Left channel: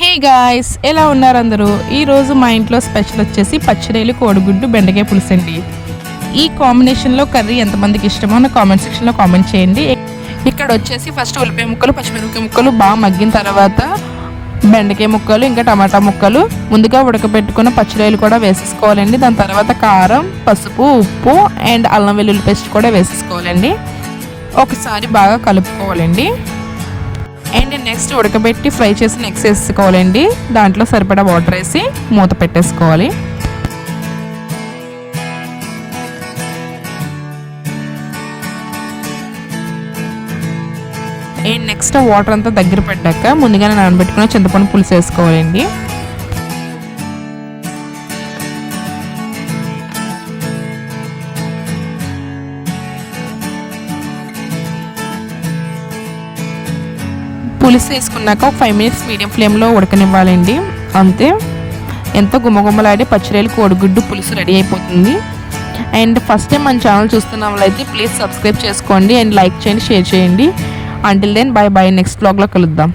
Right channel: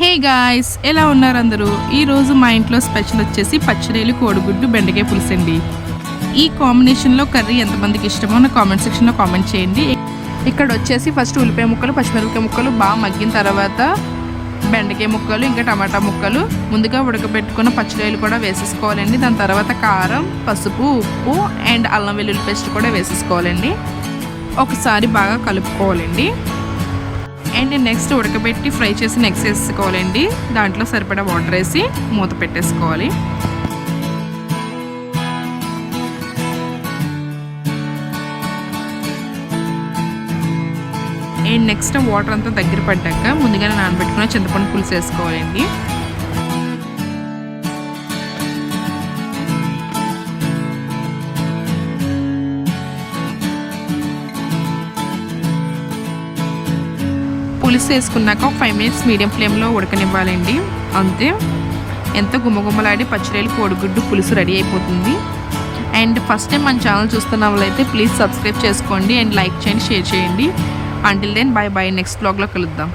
Hey guys ఎలా ఉన్నారు అందరూ ఈరోజు మా ఇంట్లో స్పెషల్ వచ్చేసి పచ్చిరేలు కోడిగుడ్డు బెండకాయ పులుసు అండి. ఈ కాంబినేషన్లో కర్రీ ఎంతమందికి ఇష్టమో నా కామెంట్ సెక్షన్లో కామెంట్ చేయండి. ఇక్కడ వచ్చేసి ఫస్ట్ ఉల్లిపాయ ముక్కలు పచ్చిమిరపకాయ ముక్కలు బాగా మగ్గిన తర్వాత బెండకాయ ముక్కలు ఇంకా టమాటా ముక్కలు. ముందుగా ఉడకబెట్టుకున్న పచ్చిరాయలు కూడా వేసేసుకోవాలండి. దాని తర్వాత కారం పసుపు ఉప్పు అండ్ అల్లం వెల్లుల్లి పేస్ట్ కూడా వేసేసుకోవాలండి. ఒకసారి బాగా కలుపుకోవాలండి. అండ్ నెక్స్ట్ ఉడకబెట్టి ఫ్రై చేసి నెక్స్ట్ వేసుకోవాలండి. దాంట్లో సరిపడా వాటర్ వేసి మూత పెట్టేసుకోవాలి. అండ్ నెక్స్ట్ వాటర్ అంతా దగ్గర పడ్డాక ముందుగానే నానబెట్టుకుని చింతపండు పులుసు వేసుకోవాలండి. పులుసు వేసుకున్నాక ఒక ఫైవ్ మినిట్స్ మీడియం ఫ్లేమ్లో ఉడకనివ్వాలండి. అంతే. ఎంతో గుమ్మగుమ్మలాడే పచ్చిరేలు కోడిగుడ్డు పులుసు రెడీ అయిపోతుంది. అండ్ ఫస్ట్ టైం మన ఛానల్ చూస్తున్న వాళ్ళైతే ప్లీజ్ సబ్స్క్రైబ్ చేసుకోండి అండ్ లైక్ చేయండి షేర్ చేయండి. Until then bye bye next బ్లాగ్లో కలుద్దాం.